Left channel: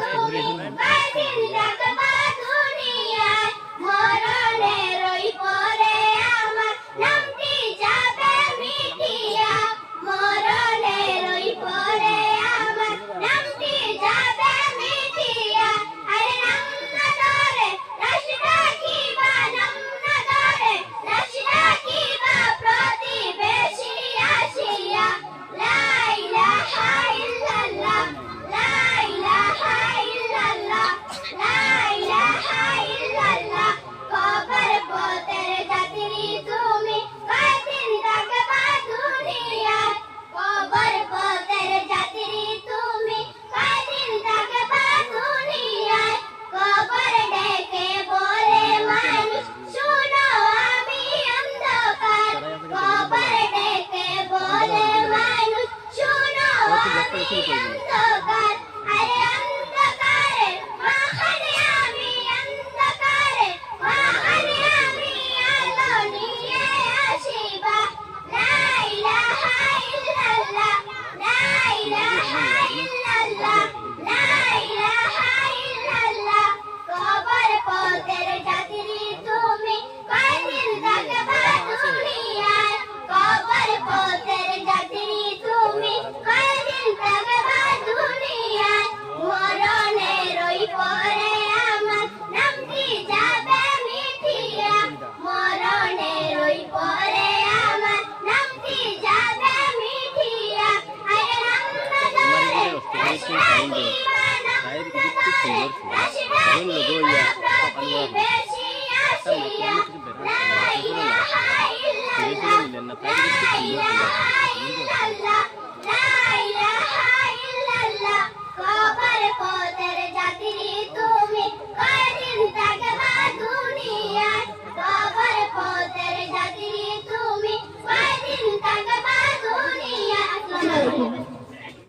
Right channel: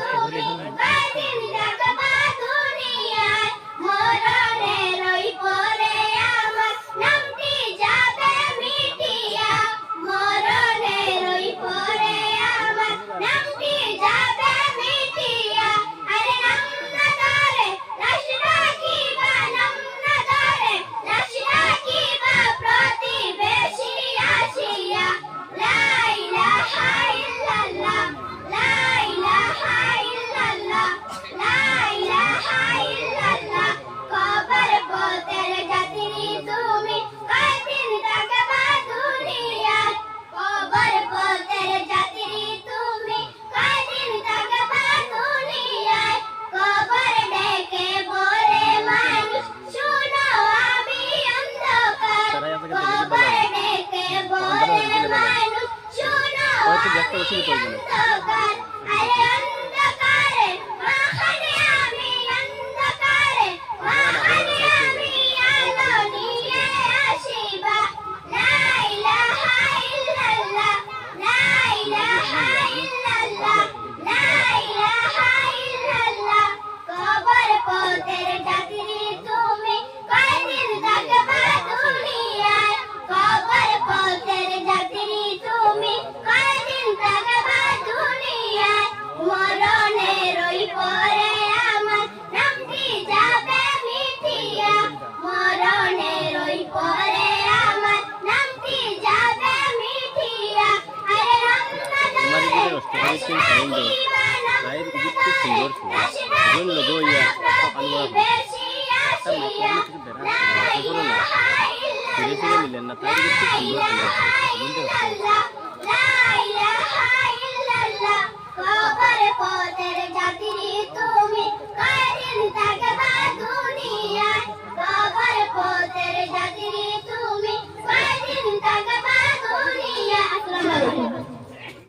不明白 ব্লকটা শুরু করবে না। আচ্ছা, আচ্ছা, আচ্ছা। গায়ের ইঁদুর খুব সুন্দর ছিল যখন লোগো ইয়া একটা মাইক্রোফোনে কিছু বেড়া ফিরে ফিরে নিলেন না তাই খুব সুন্দর